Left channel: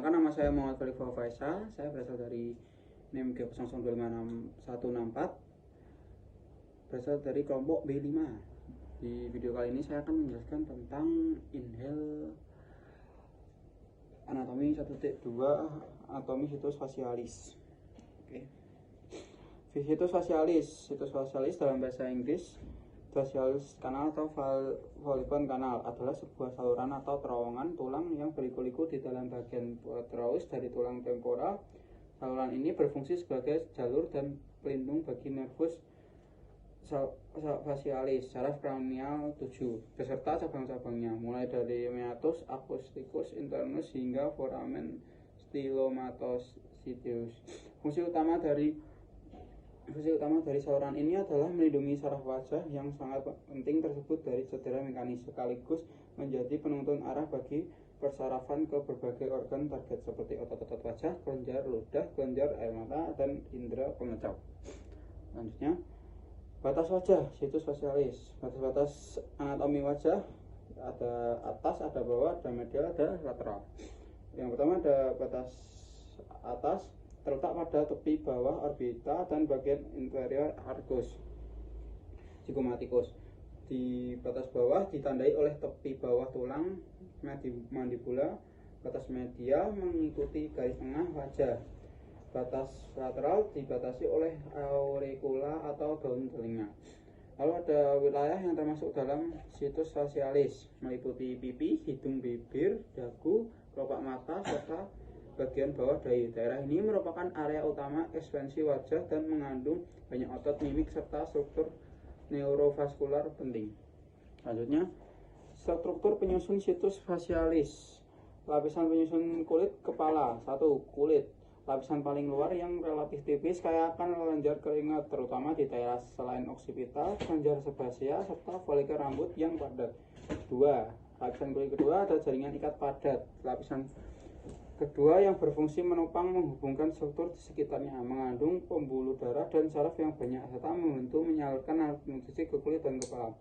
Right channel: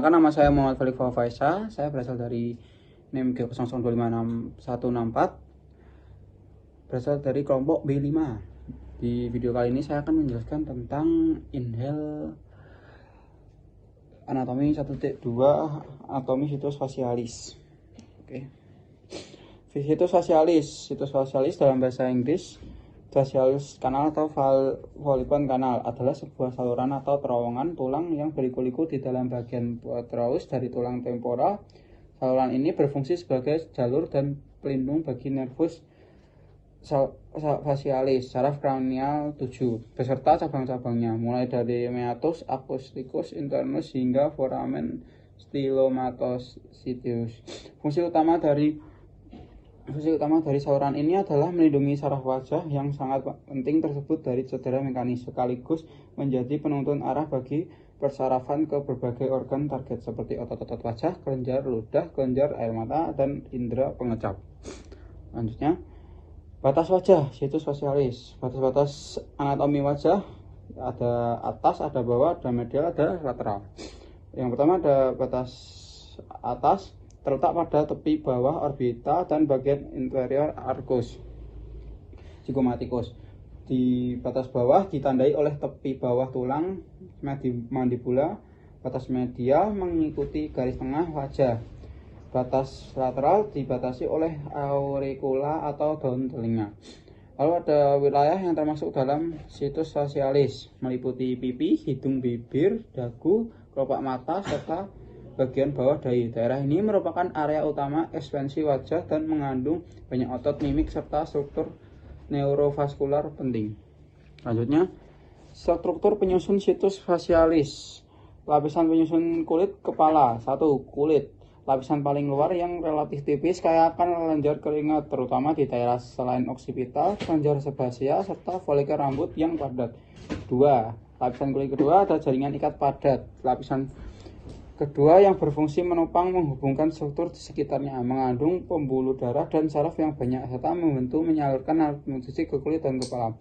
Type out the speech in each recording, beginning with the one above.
Nama saya Muhammad Falifa Faisa, saya berasal dari NIM G002566164, berasal dari kelompok B5. Di video kali ini saya akan menjelaskan tentang inhale anatomi 1.2 anatomi situs facialis. Oke. Situs facialis dalam bahasa Inggris, facialis kanal atau Volpone kanal adalah sebuah saluran atau terowongan tulang yang berliku-liku di dalam bagian petrous dari tulang temporal. Saluran ini berfungsi sebagai jalur dan pelindung bagi nervus facialis, saraf kranial 7, beserta cabang-cabangnya, mulai dari meatus, acousticus, internus, hingga foramen stylomatocyteus. Fungsi utama dari saluran ini adalah melindungi saraf wajah yang sangat penting tersebut dari cedera mekanis, sekaligus menjadi penuntun arah bagi persarafan ke berbagai organ target seperti otot-otot wajah, kelenjar ludah, kelenjar air mata, dan indera pengecap. Lanjutnya, batas wajah, situs facialis. Batas-batas anatomi wajah ada atas, ada bawah, ada medial, ada lateral. Yang pertama ada batas atas, terletak pada tepi bawah orbita dan bagian inferior arcus zygomaticus. Di batas bawah ditandai oleh tepi bawah tulang mandibula. Batas medial mengikuti garis tengah wajah. Batas lateral dibatasi oleh auricula atau daun telinga. Lalu ada wilayah yang termasuk dalam situs facialis, meliputi pipi, hidung, bibir, dagu, kelopak mata, serta bagian bawah dahi. Daerah ini merupakan area utama ekspansi wajah dan mengandung banyak otot mimik serta struktur neurovaskular penting. Lanjutnya, struktur penyusun situs facialis. Lapisan penyusun kulit kepala. 1. Kulit. Lapisan paling luar yang relatif tipis kaya akan kelenjar keringat, terutama di daerah selain oksipital, kelenjar sebasia, serta folikel rambut yang padat. 2. Lapisan kulit kedua ada jaringan ikat padat. Lapisan kedua yang berfungsi menopang menghubungkan struktur di sekitarnya, mengandung pembuluh darah dan saraf yang banyak, serta membantu menyalurkan nutrisi ke kulit dan kepala.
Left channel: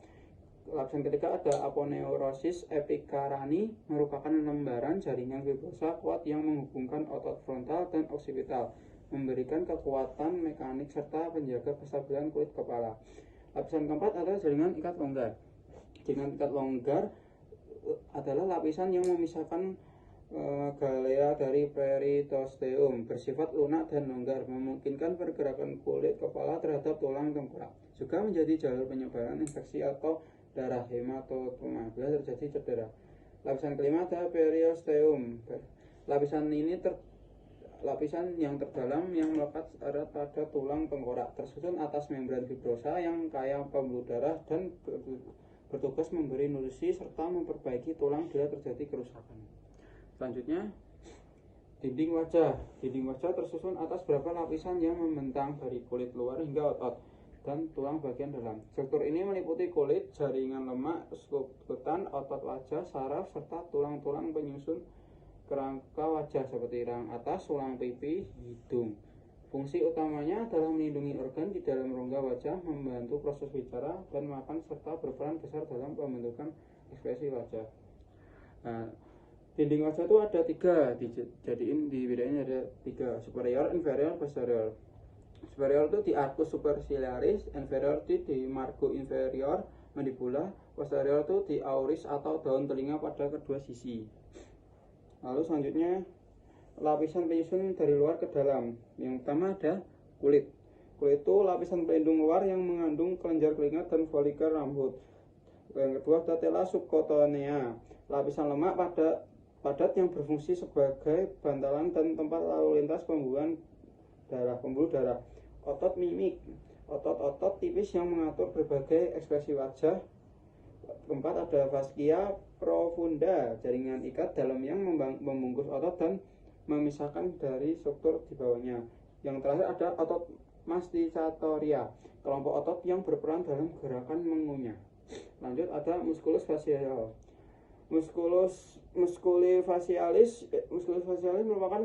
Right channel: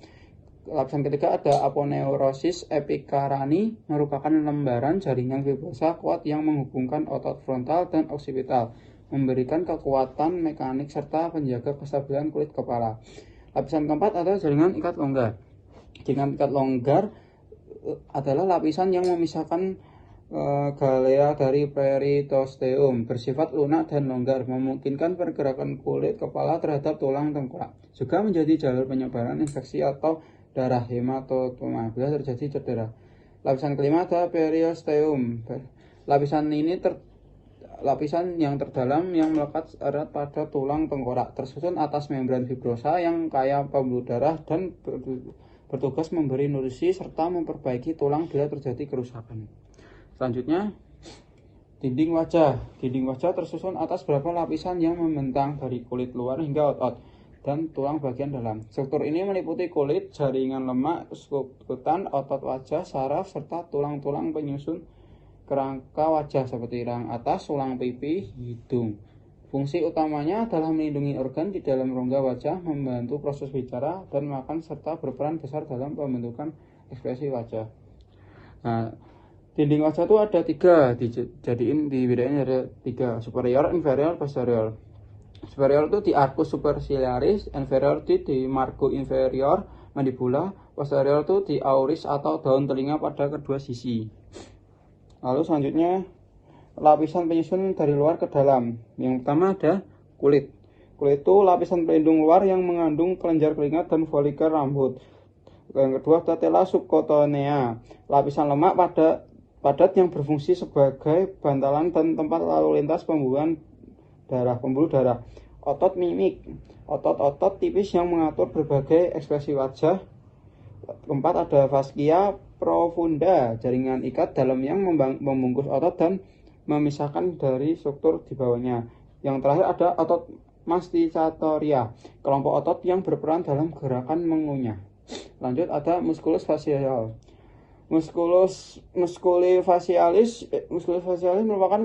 Lapisan ketiga ada aponeurosis epicarani, merupakan lembaran jaringan fibrosa kuat yang menghubungkan otot frontal dan oksipital, memberikan kekuatan mekanik serta penjaga kestabilan kulit kepala. Lapisan keempat ada jaringan ikat longgar. Jaringan ikat longgar adalah lapisan yang memisahkan galea dari periosteum, bersifat lunak dan longgar, memungkinkan pergerakan kulit kepala terhadap tulang tengkorak. Juga menjadi jalur penyebaran infeksi atau darah hematoma bila terjadi cedera. Lapisan kelima ada periosteum. Lapisan yang terdalam yang melekat erat pada tulang tengkorak, tersusun atas membran fibrosa yang kaya pembuluh darah dan bertugas memberi nutrisi serta memperbaiki tulang bila terjadi kerusakan. Selanjutnya, dinding wajah. Dinding wajah tersusun atas beberapa lapisan yang membentang dari kulit luar hingga otot dan tulang bagian dalam. Struktur ini meliputi kulit, jaringan lemak, skutan, otot wajah, saraf, serta tulang-tulang penyusun kerangka wajah seperti rahang atas, tulang pipi, hidung. Fungsi utamanya adalah melindungi organ di dalam rongga wajah, membantu proses bicara dan makan, serta berperan besar dalam pembentukan ekspresi wajah. Nah, dinding wajah itu ada 3, dibedain ada 3, superior, inferior, posterior. Superior itu di arcus superciliaris, inferior itu di margo inferior mandibula, posterior itu di auris atau daun telinga pada kedua sisi. Lalu selanjutnya, lapisan penyusun dari luar ke dalam. Yang pertama ada kulit. Kulit itu lapisan pelindung luar yang mengandung kelenjar keringat dan folikel rambut. Yang kedua ada tela subcutanea, lapisan lemak padat yang berfungsi sebagai bantalan dan tempat lalu lintas pembuluh darah. Otot mimik, otot-otot tipis yang mengatur berbagai ekspresi wajah. Keempat ada fascia profunda, jaringan ikat dalam yang membungkus otot dan memisahkan dari struktur di bawahnya. Yang terakhir ada otot masticatoria, kelompok otot yang berperan dalam gerakan mengunyah. Lanjut ada musculus facial. Musculus facialis merupakan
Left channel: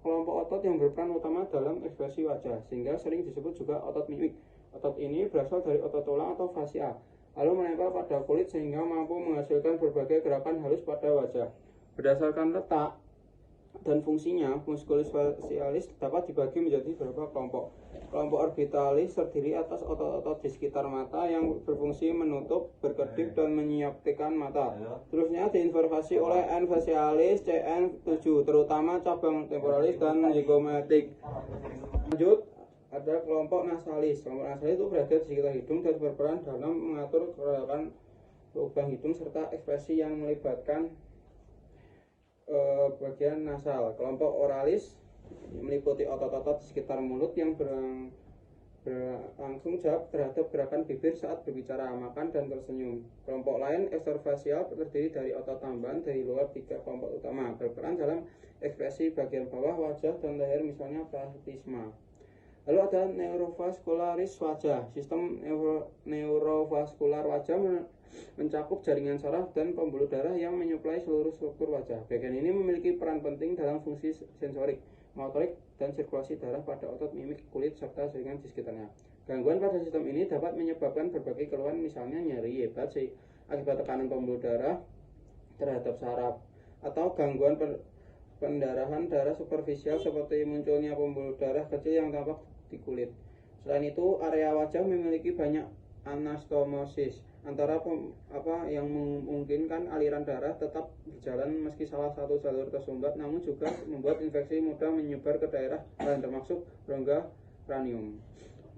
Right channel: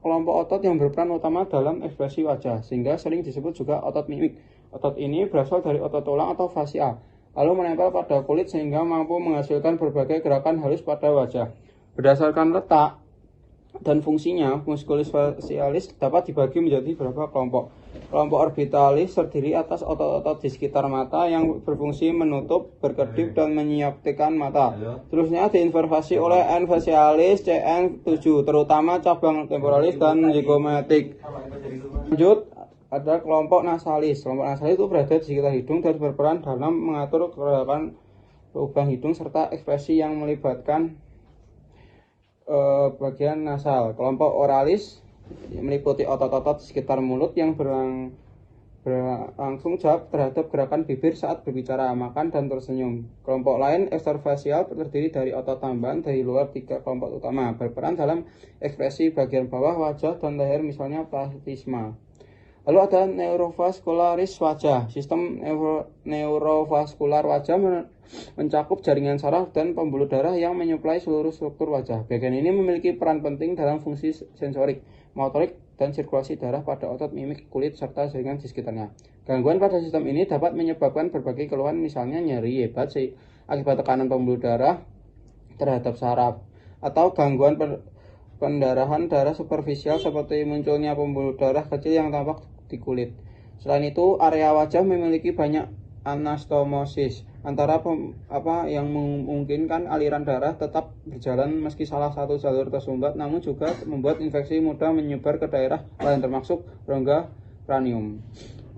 kelompok otot yang berperan utama dalam ekspresi wajah, sehingga sering disebut juga otot mimik. Otot ini berasal dari otot tulang atau fascia, lalu menempel pada kulit sehingga mampu menghasilkan berbagai gerakan halus pada wajah. Berdasarkan letak, dan fungsinya. Musculus facialis dapat dibagi menjadi beberapa kelompok. Kelompok orbitalis terdiri atas otot-otot di sekitar mata yang berfungsi menutup, berkedip, dan menyiapkan mata. Terusnya diinnervasi oleh N facialis CN7, terutama cabang temporalis dan zygomatic. Lanjut, ada kelompok nasalis. Kelompok nasalis itu berada di sekitar hidung dan berperan dalam mengatur gerakan lubang hidung serta ekspresi yang melibatkan bagian nasal. Kelompok oralis meliputi otot-otot di sekitar mulut yang berlangsung jawab terhadap gerakan bibir saat berbicara, makan, dan tersenyum. Kelompok lain eksterfasial terdiri dari otot tambahan dari luar tiga kelompok utama, berperan dalam ekspresi bagian bawah wajah dan leher, misalnya plastisma. Lalu ada neurovaskularis wajah. Sistem neurovaskular wajah mencakup jaringan saraf dan pembuluh darah yang menyuplai seluruh struktur wajah. Bagian ini memiliki peran penting dalam fungsi sensorik, motorik, dan sirkulasi darah pada otot, mimik, kulit, serta jaringan di sekitarnya. Gangguan pada sistem ini dapat menyebabkan berbagai keluhan, misalnya nyeri hebat akibat tekanan pembuluh darah terhadap saraf, atau gangguan pendarahan darah superficial seperti munculnya pembuluh darah kecil yang tampak di kulit. Selain itu, area wajah memiliki banyak anastomosis yang memungkinkan aliran darah tetap berjalan meski salah satu jalur tersumbat, namun juga membuat infeksi mudah menyebar ke daerah lain termasuk rongga kranium.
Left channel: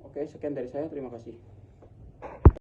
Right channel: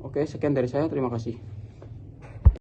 Oke, sekian dari saya. Terima kasih.